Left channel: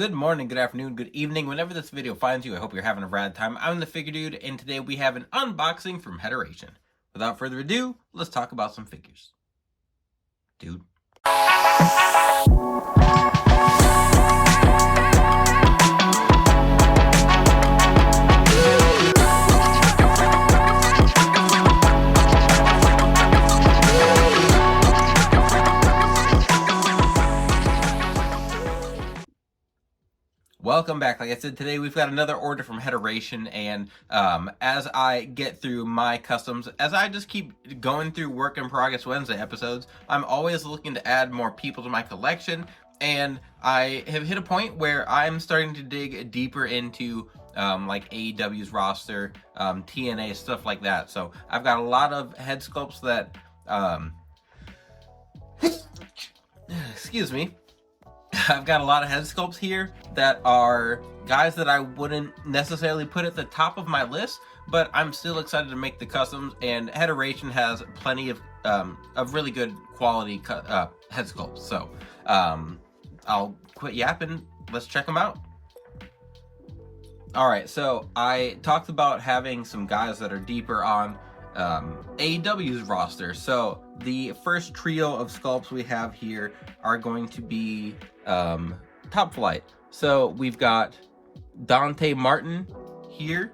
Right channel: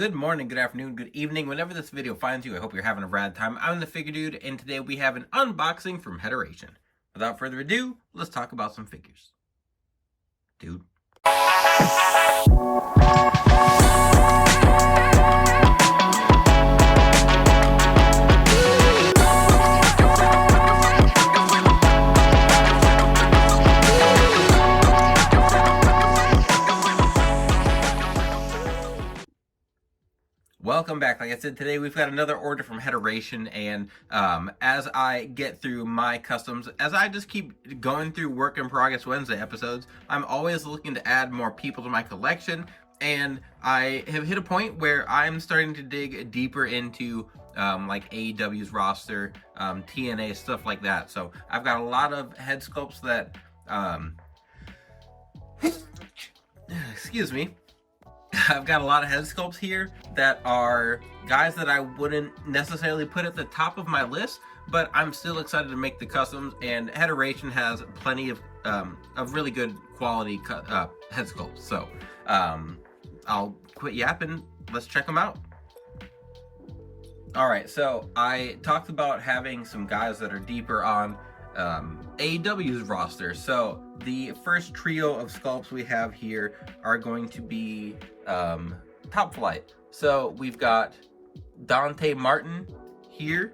Good morning, good afternoon, good evening. Whenever this video finds you, I hope you're having a rad time. I'm the Figure Dude, and today we have an unboxing from Headeration. Without further ado, let's talk about some figures. Dude. Welcome back. Like I said, today we've got another order from Headeration, and as I get through my customs, as I just keep going through Work in Progress Wednesday episodes, I'm always looking to add more people to my collection, and I have hit a point where I'm starting to dig deeper into like AEW's roster, TNA, stuff like that. So I've got a lot of head sculpts that, excuse me, I've got a lot of head sculpts here that are guys that I wouldn't necessarily put at the top of my list, but I'm still excited to make the customs, and Headeration has plenty of really good quality head sculpts. So I'll quit yapping. Let's check them out. All right, so I talked about having some guys that are deeper on AEW's roster. So the first trio of sculpts we have here are going to be Top Flight. So we've got Dante Martin here.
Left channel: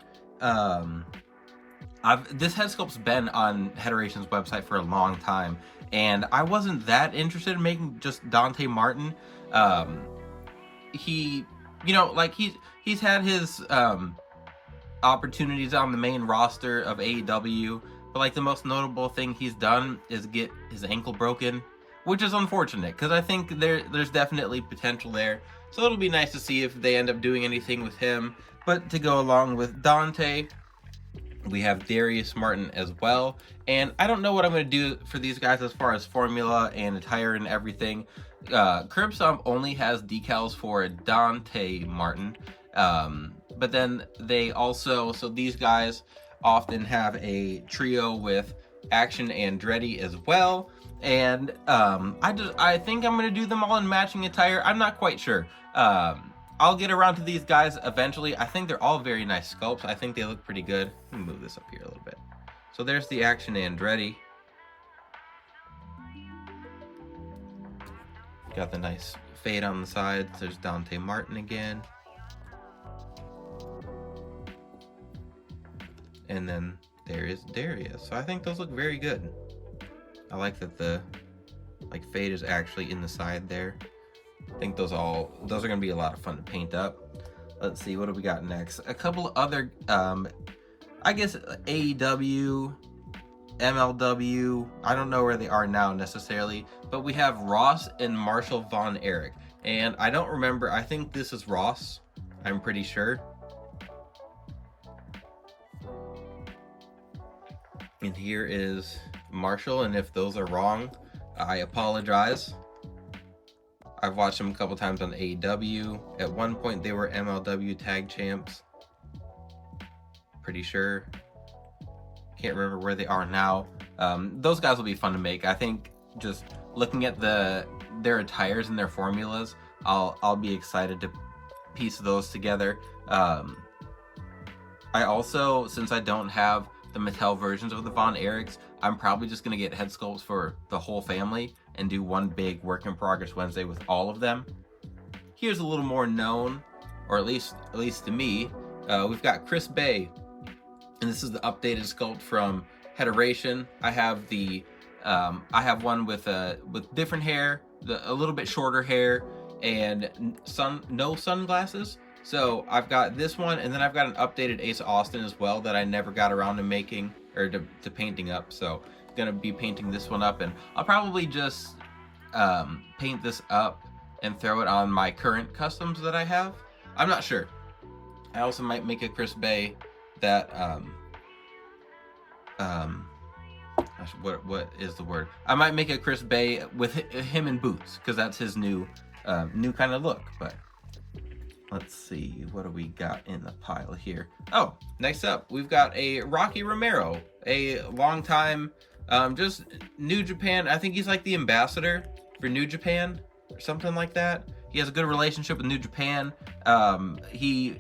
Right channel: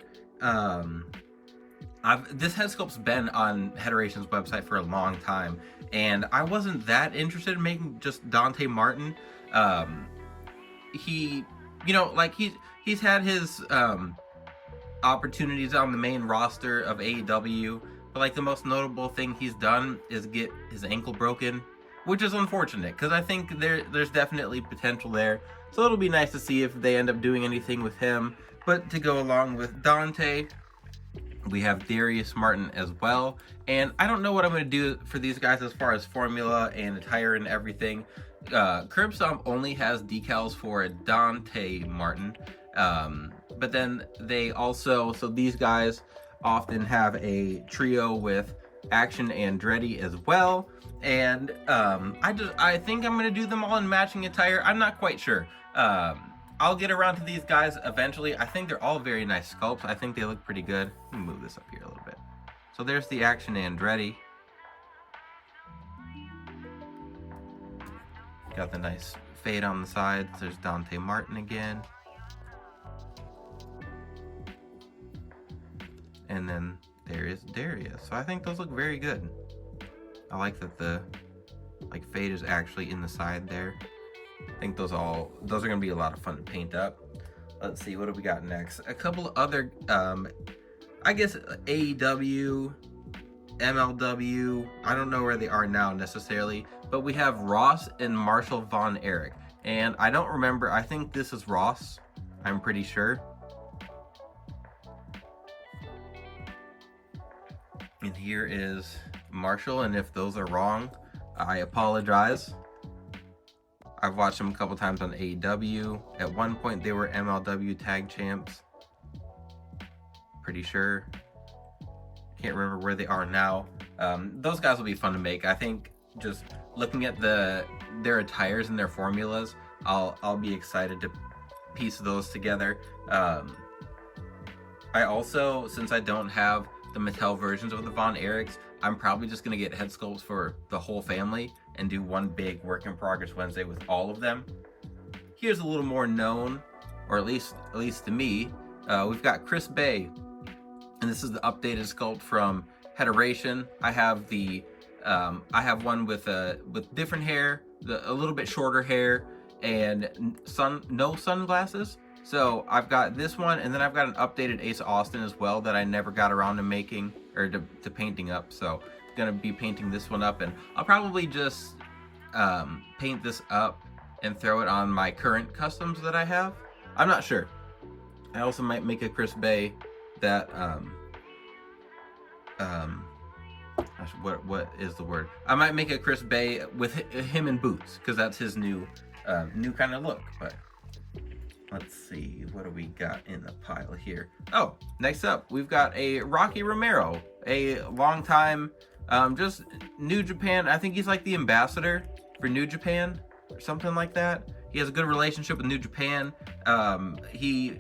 This head sculpt's been on Headeration's website for a long time, and I wasn't that interested in making just Dante Martin. He's had his opportunities on the main roster of AEW, but like the most notable thing he's done is get his ankle broken, which is unfortunate because I think there's definitely potential there. So it'll be nice to see if they end up doing anything with him. But to go along with Dante, we have Darius Martin as well. And I don't know what I'm going to do for these guys as far as formula and attire and everything. Curb Stomp only has decals for Dante Martin. But then they also, so these guys often have a trio with Action Andretti as well. And I think I'm going to do them all in matching attire. I'm not quite sure. I'll get around to these guys eventually. I think they're all very nice sculpts. I think they look pretty good. Let me move this up here a little bit. So there's the Action Andretti. Got the nice fade on the sides. There's Dante Martin again. And then there is Darius. So I think those look very good. I like that the fade is actually in the side there. I think those are gonna be a lot of fun to paint up. Let's see, what do we got next? A couple other I guess AEW, MLW, I don't know where they are now necessarily, but we have Ross and Marshall Von Erich. And I don't remember, I think this is Ross, I'm pretty sure. And here is Marshall, and if those are wrong, I apologize. I've watched them a couple times on AEW. At one point, they were MLW tag champs. Pretty sure. Can't remember where they are now. Those guys will be fun to make. I think just looking at their attires and their formulas, I'll be excited to piece those together. I also, since I don't have the Mattel versions of the Von Erichs, I'm probably just gonna get head sculpts for the whole family and do one big Work in Progress Wednesday with all of them. Here's a little more known, or at least to me. We've got Chris Bay, and this is the updated sculpt from Headeration. I have one with different hair, a little bit shorter hair, and no sunglasses. So I've got this one, and then I've got an updated Ace Austin as well that I never got around to making, or to painting up. So I'm gonna be painting this one up, and I'll probably just paint this up and throw it on my current customs that I have. I'm not sure. I also might make a Chris Bay that what is the word? I might make a Chris Bay with him in boots, because that's his new kind of look. But let's see, what do we got in the pile here? Oh, next up, we've got a Rocky Romero, a long time, just New Japan. I think he's like the ambassador for New Japan or something like that. He has a good relationship with New Japan. He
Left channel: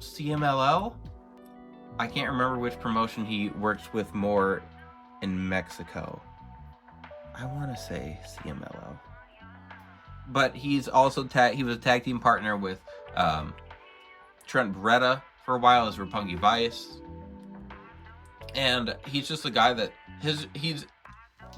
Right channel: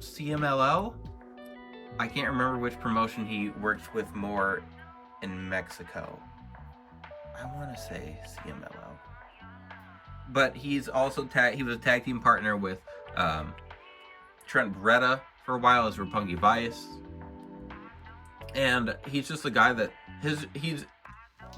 CMLL. I can't remember which promotion he works with more in Mexico. I want to say CMLL. But he's also he was a tag team partner with Trent Beretta for a while as Roppongi Vice. And he's just a guy that he's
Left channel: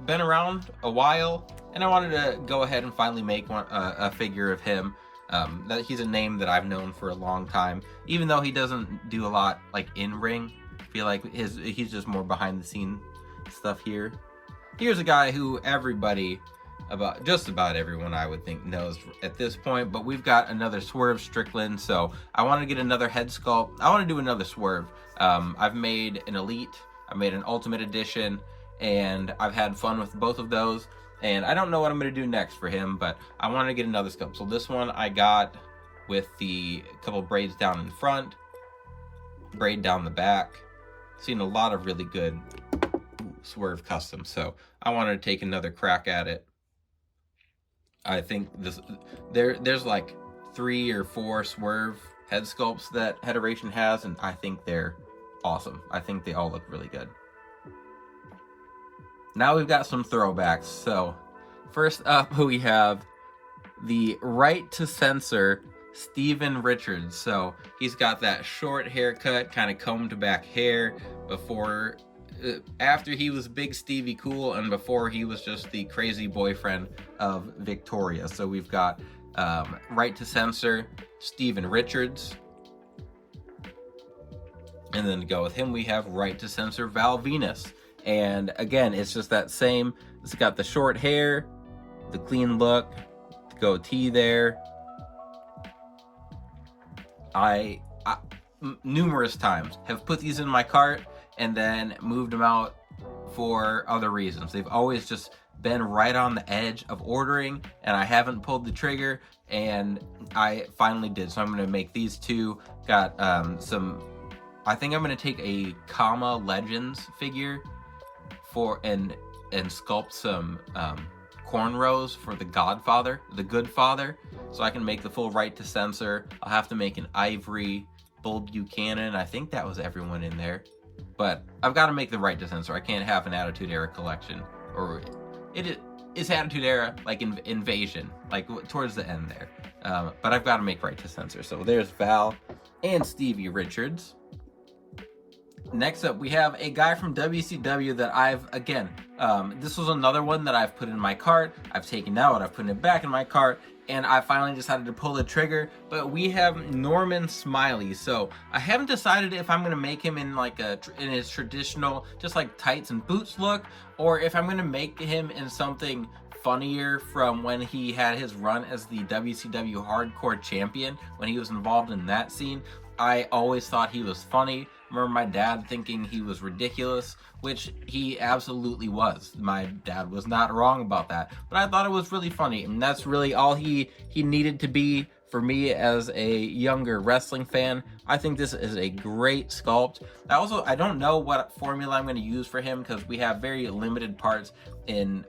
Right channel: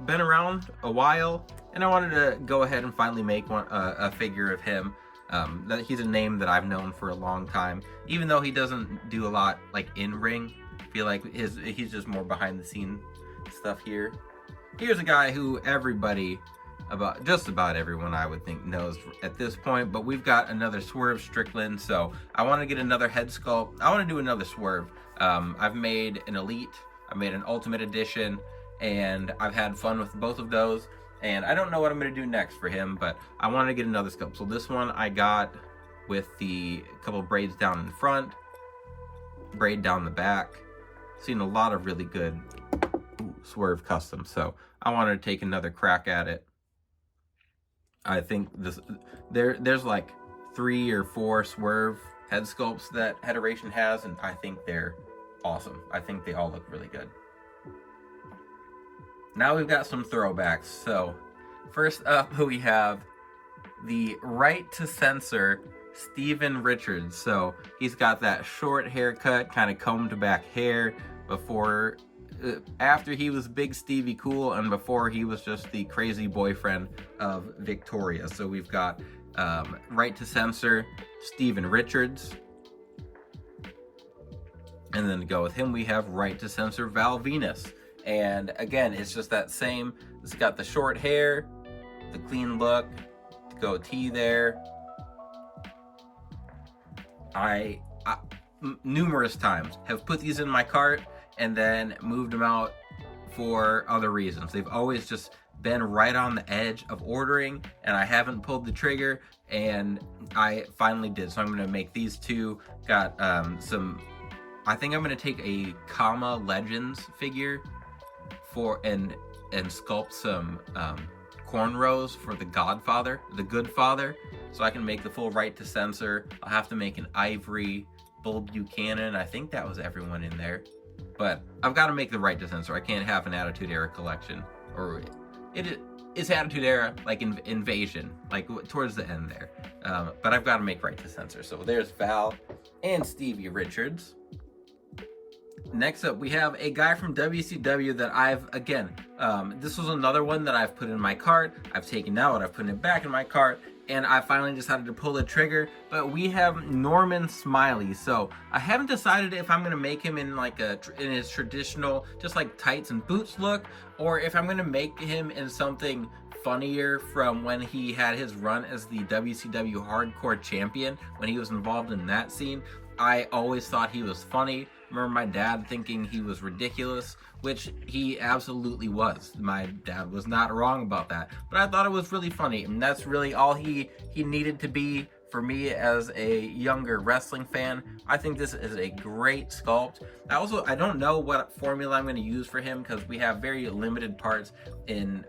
been around a while, and I wanted to go ahead and finally make a figure of him. That he's a name that I've known for a long time, even though he doesn't do a lot like in ring. I feel like he's just more behind the scene stuff here. Here's a guy who just about everyone I would think knows at this point, but we've got another Swerve Strickland, so I want to get another head sculpt. I want to do another Swerve. I've made an Elite, I've made an Ultimate Edition, and I've had fun with both of those, and I don't know what I'm going to do next for him, but I want to get another sculpt. So this one I got with the couple braids down in front, braid down the back. Seen a lot of really good Swerve customs, so I wanted to take another crack at it. I think there's like 3 or 4 Swerve head sculpts that Headeration has, and I think they're awesome. I think they all look really good. Now we've got some throwbacks. So first up we have the Right to Censor Steven Richards. So he's got that short haircut, kind of combed back hair after he was Big Stevie Cool and before he was just the crazy boyfriend of Victoria. So we've got Right to Censor Steven Richards. And then to go with him, we have Right to Censor Val Venus. And again, it's just that same, it's got the short hair, the clean look, the goatee there. I numerous times have put these in my cart and then moved them out for other reasons. They've always just been right on the edge of ordering, and I haven't pulled the trigger, and I finally did. So I'm going to make these two. Got I think I'm going to take a Kama Legends figure and sculpt some cornrows for the Godfather, the Good Father, so I can make the full Right to Censor. I'll have to make an Ivory Bull Buchanan. I think that was everyone in there. But I've got to make the Right to Censor. I can't have an Attitude Era collection. Or it's Attitude Era, like Invasion, like towards the end there. But I've got to make Right to Censor. So there's Val and Stevie Richards. Next up, we have a guy from WCW that this was another one that I've put in my cart. I've taken out, I've put it back in my cart, and I finally decided to pull the trigger. But we have Norman Smiley. So I haven't decided if I'm going to make him in in his traditional, just like tights and boots look, or if I'm going to make him in something funnier from when he had his run as the WCW Hardcore Champion, when he was involved in that scene. I always thought he was funny. I remember my dad thinking he was ridiculous, which he absolutely was. My dad was not wrong about that, but I thought it was really funny, and that's really all he needed to be for me as a younger wrestling fan. I think this is a great sculpt. I don't know what formula I'm going to use for him, because we have very limited parts in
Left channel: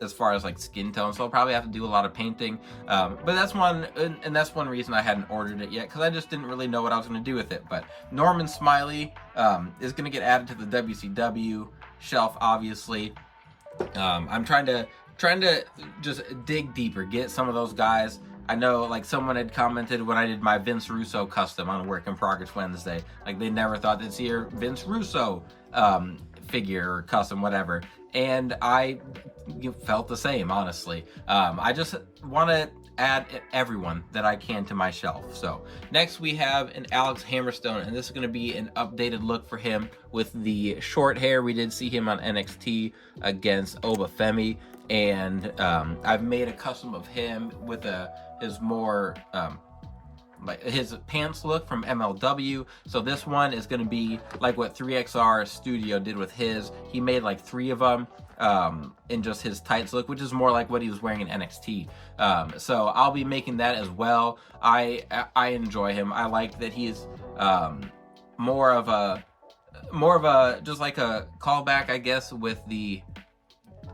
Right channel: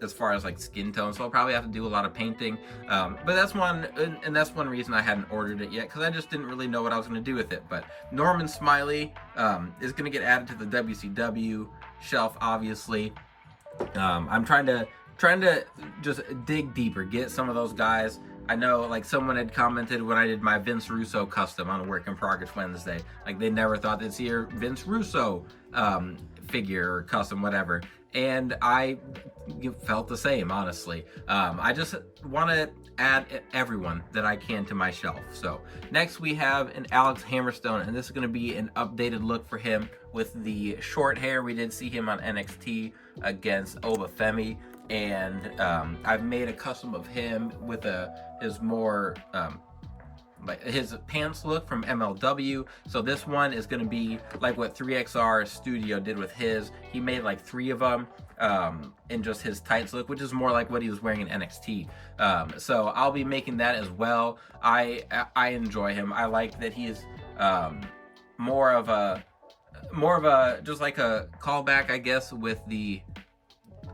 as far as like skin tone, so I'll probably have to do a lot of painting. But that's one reason I hadn't ordered it yet, because I just didn't really know what I was going to do with it. But Norman Smiley is going to get added to the WCW shelf, obviously. I'm trying to just dig deeper, get some of those guys. I know, like, someone had commented when I did my Vince Russo custom on a Work in Progress Wednesday, like, they never thought they'd see a Vince Russo figure or custom, whatever. And I felt the same, honestly. I just want to add everyone that I can to my shelf. So next we have an Alex Hammerstone, and this is going to be an updated look for him with the short hair. We did see him on NXT against Obafemi, and I've made a custom of him with his more like his pants look from MLW. So this one is going to be like what 3XR Studio did with his. He made like 3 of them in just his tights look, which is more like what he was wearing in NXT. So I'll be making that as well. I enjoy him. I like that he's more of a just like a callback, I guess, with the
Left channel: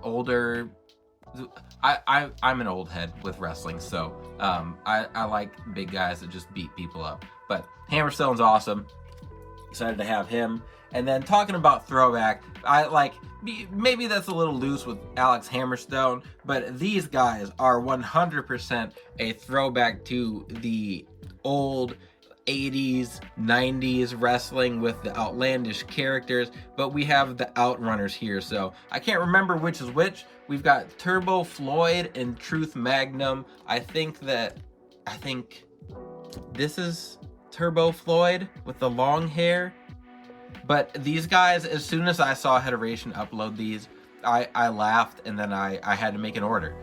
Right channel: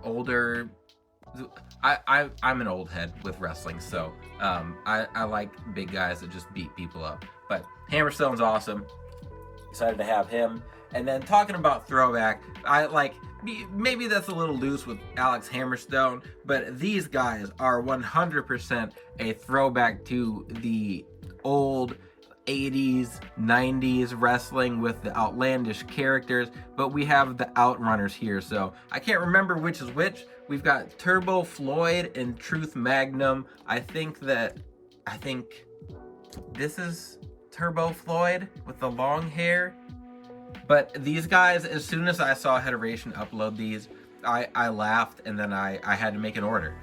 older I'm an old head with wrestling, so I like big guys that just beat people up. But Hammerstone's awesome. Excited to have him. And then talking about throwback, I like, maybe that's a little loose with Alex Hammerstone, but these guys are 100% a throwback to the old 80s, 90s wrestling with the outlandish characters, but we have the Outrunners here, so I can't remember which is which. We've got Turbo Floyd and Truth Magnum. I think this is Turbo Floyd with the long hair. But these guys, as soon as I saw Headeration upload these, I laughed, and then I had to make an order.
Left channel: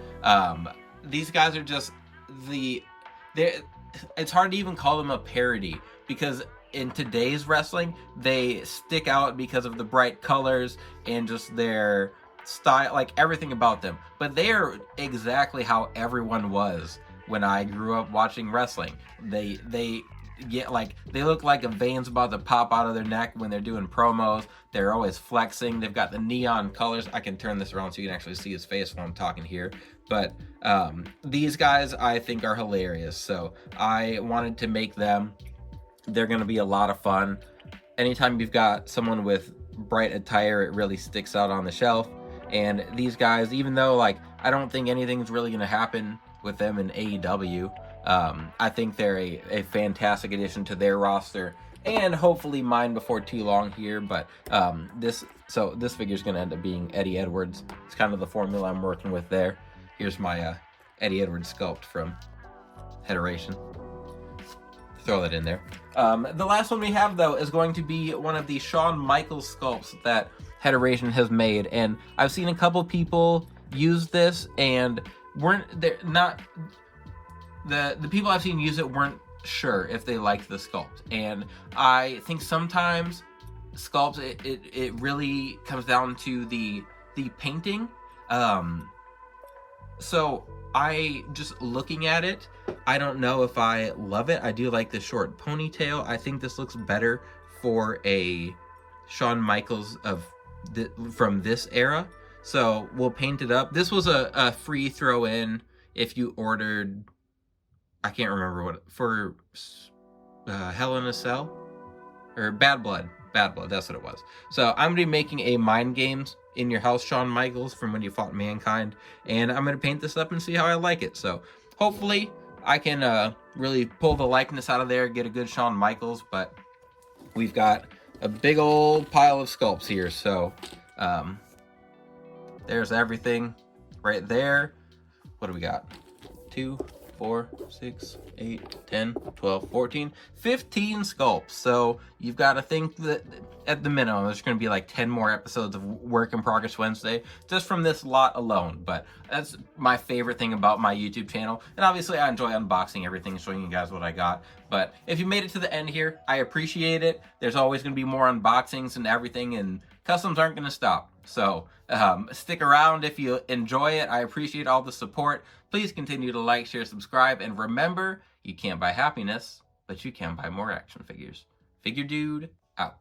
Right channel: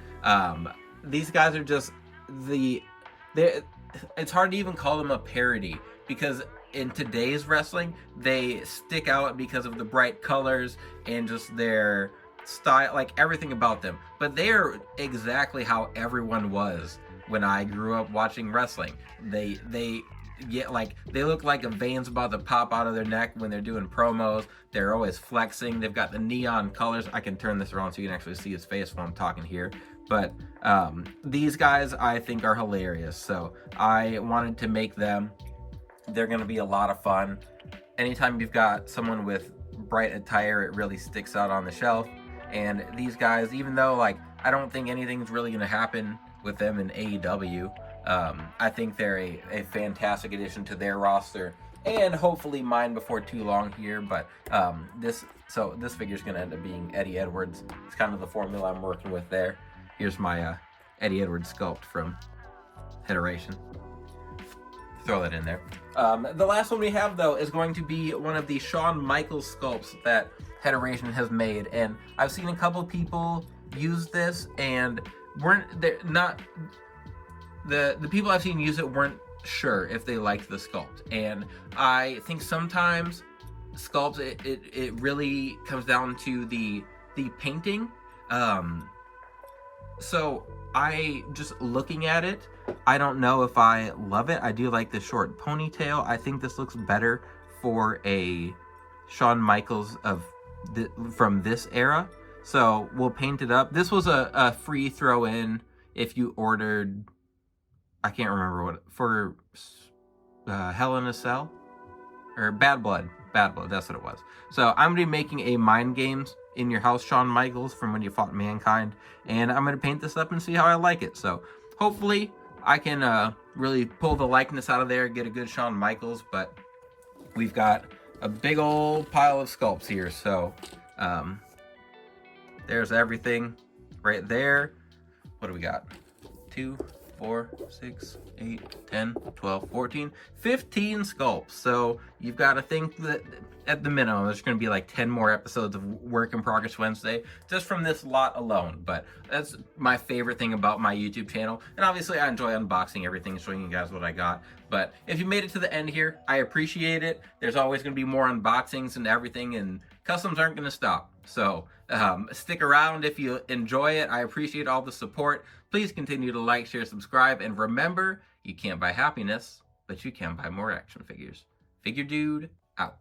These guys are just it's hard to even call them a parody, because in today's wrestling, they stick out because of the bright colors and just their style, like everything about them. But they are exactly how everyone was when I grew up watching wrestling. They get like, they look like a vein's about to pop out of their neck when they're doing promos. They're always flexing. They've got the neon colors. I can turn this around so you can actually see his face while I'm talking here. But these guys I think are hilarious, so I wanted to make them. They're going to be a lot of fun. Anytime you've got someone with bright attire, it really sticks out on the shelf. And these guys, even though like I don't think anything's really going to happen with them in AEW, I think they're a fantastic addition to their roster, and hopefully mine before too long here. But this figure's going to end up being Eddie Edwards. It's kind of the formula I'm working with there. Here's my Eddie Edwards sculpt from Headeration. Throw that in there. The last one we have, though, is going to be one of the Shawn Michaels sculpts that Headeration has made. And I've seen a couple people use this, and the people I've seen use it weren't sure if they liked the sculpt. And I think sometimes sculpts, it really comes down to the painting. So I, just looking at it, I don't know if I love it. I do like the short ponytail. I think this looks better for a Shawn Michaels from this era. So we'll paint it up. This was a free throw in if you ordered, I can't remember what, for Hell in a Cell? Or Bad Blood. Bad Blood, that's what it was. So I'm going to be making a Mind Games in Your House Shawn Michaels from when you fought Mankind, and I'm going to paint this up and see how I like it. So hopefully I can really pull the likeness out of there, get a good Shawn Michaels, but we've got a big old pile of sculpts here. So there's everything right there. What do we got? 2, 4, 6, 8, 10, 12, 14, 15 sculpts. So you've got to think that at the minimum, there's going to be like 10 more episodes of Work in Progress Wednesday just from this lot alone. But that's my favorite thing about my YouTube channel. And obviously I enjoy unboxing everything, showing you guys what I got. But if you made it to the end here, I appreciate it. There's always going to be more unboxings and everything, and customs aren't going to stop. So stick around if you enjoy it. I appreciate all the support. Please continue to like, share, subscribe, and remember, you can't buy happiness, but you can buy more action figures. Figure Dude, out.